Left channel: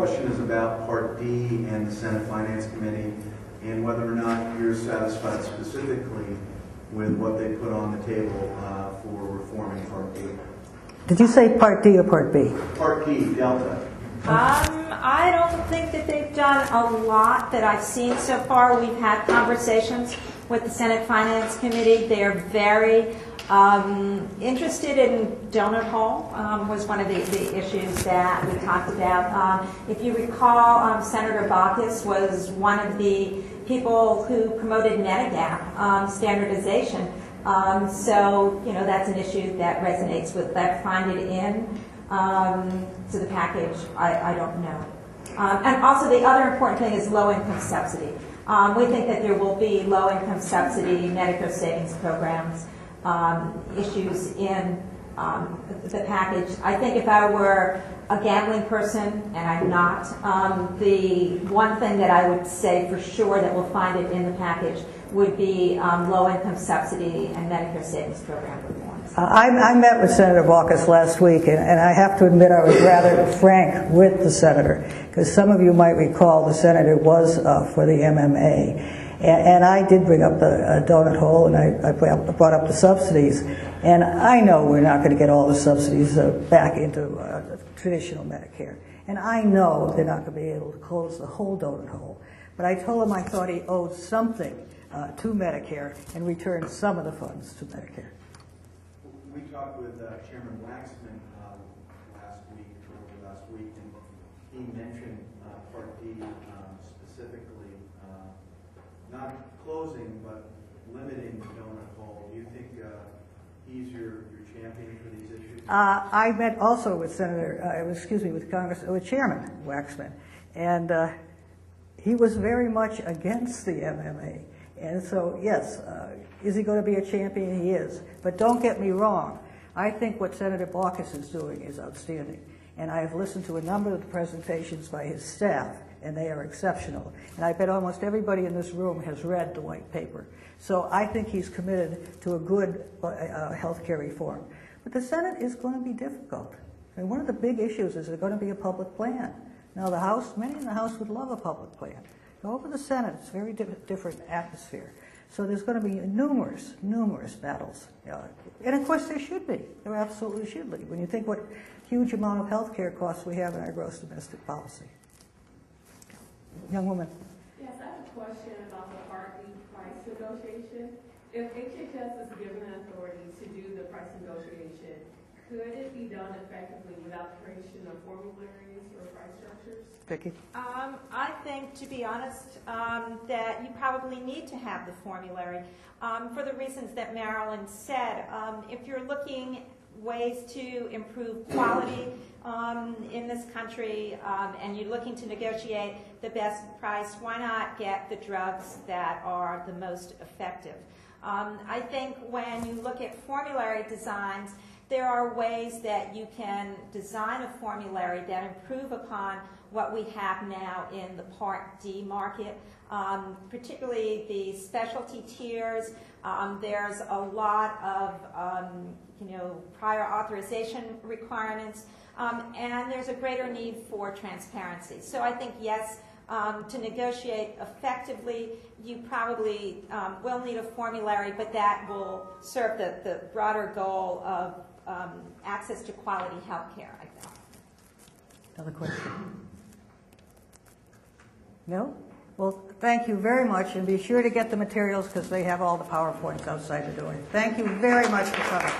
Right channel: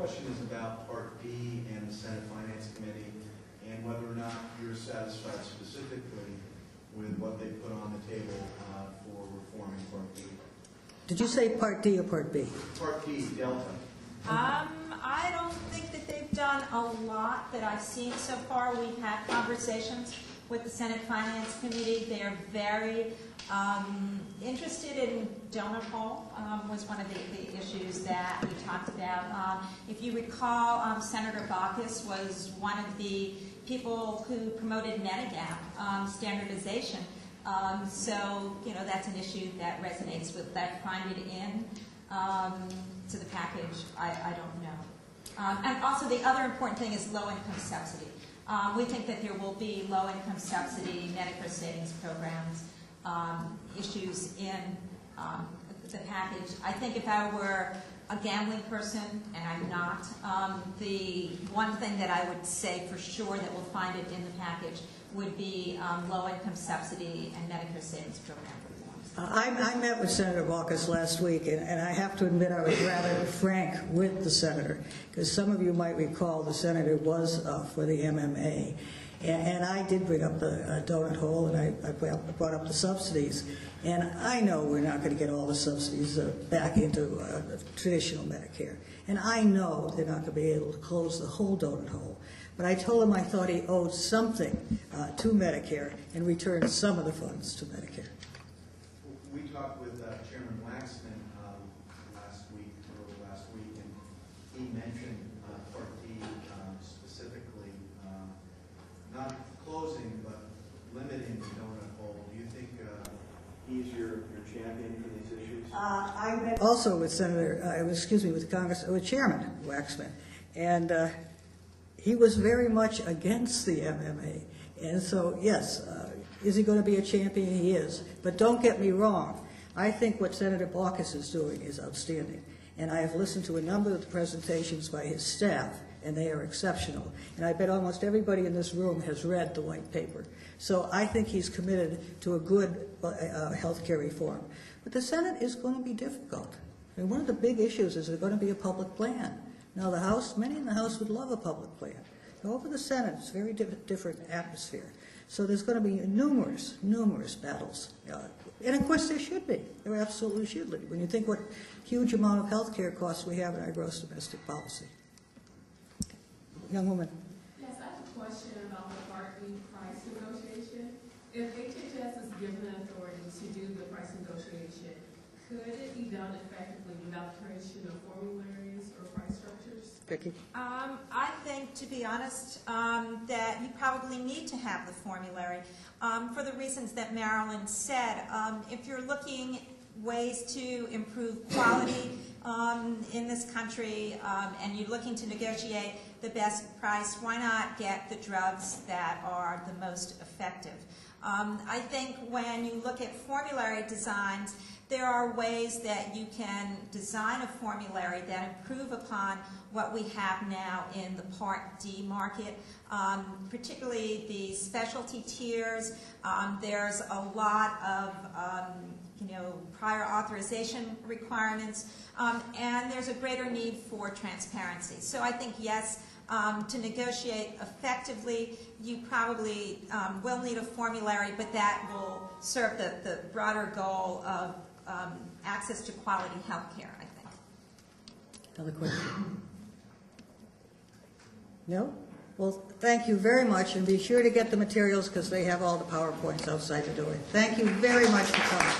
question is about Part D and the Senate Finance Committee and whether or not you're satisfied specifically with what they put on the table for reforming Part D. Did you say Part D or Part B? Part D, Delta. I don't think that they've done a lot that I've seen so far. We've had conversations with the Senate Finance Committee. They're very interested in donut hole, was one of the issues that we talked about. If you recall, Senator Baucus was one of the people who promoted Medigap standardization. So, you know, that's an issue that resonates with that. Find it in to the package, I don't know. And also the other important thing is low-income subsidy. We think that there will be low-income subsidy, Medicare savings programs, issues in the package. I think if I were a gambling person, and I'm not, the one thing that I would say for sure that we'll find it in the package would be low-income subsidy and Medicare savings program reforms. I met with Senator Baucus last week, and I have to admit I was rather frank with the senator, because some of you might recall the senator was for the MMA. And I did bring up the donut hole, and I brought up the subsidies. And I know we're not going to get all the subsidies back into traditional Medicare. And I know they're not going to be able to close the whole donut hole. But I told him I thought he owed something to Medicare and returned some of the funds to Medicare. We talked with Chairman Waxman last week, and he mentioned Part D specifically, not closing, but limiting the donut hole. Do you think he's your champion for these issues? I met also with with Chairman Waxman, and he was very much against the MMA. And so, yes, is he going to be a champion? He is. But don't get me wrong. I think what Senator Baucus is doing is outstanding. And I have listened to a number of the presentations by his staff, and they are exceptional. And I bet almost everybody in this room has read the white paper. So I think he's committed to a good health care reform. But the Senate is going to be difficult. I mean, one of the big issues is there's going to be a public plan. Now, the House, many in the House would love a public plan. Go over the Senate, it's a very different atmosphere. So there's going to be numerous battles. And of course there should be. There absolutely should be. When you think what huge amount of health care costs we have in our gross domestic policy. Young woman. Yes, I have a question about the Part D price negotiation. If HHS is given authority to do the price negotiation, could it be done effectively without creation of formularies or price structures? Becky? I think, to be honest, that you probably need to have the formulary for the reasons that Marilyn said. If you're looking ways to improve quality in this country and you're looking to negotiate the best price, why not get the drugs that are the most effective? I think when you look at formulary designs, there are ways that you can design a formulary that improve upon what we have now in the Part D market, particularly the specialty tiers. There's a lot of prior authorization requirements, and there's a greater need for transparency. So I think, yes, to negotiate effectively, you probably will need a formulary, but that will serve the broader goal of access to quality health care, I think. Another question? No? Well, thank you very much, and be sure to get the materials because they have all the PowerPoints outside the door. Thank you very much for coming.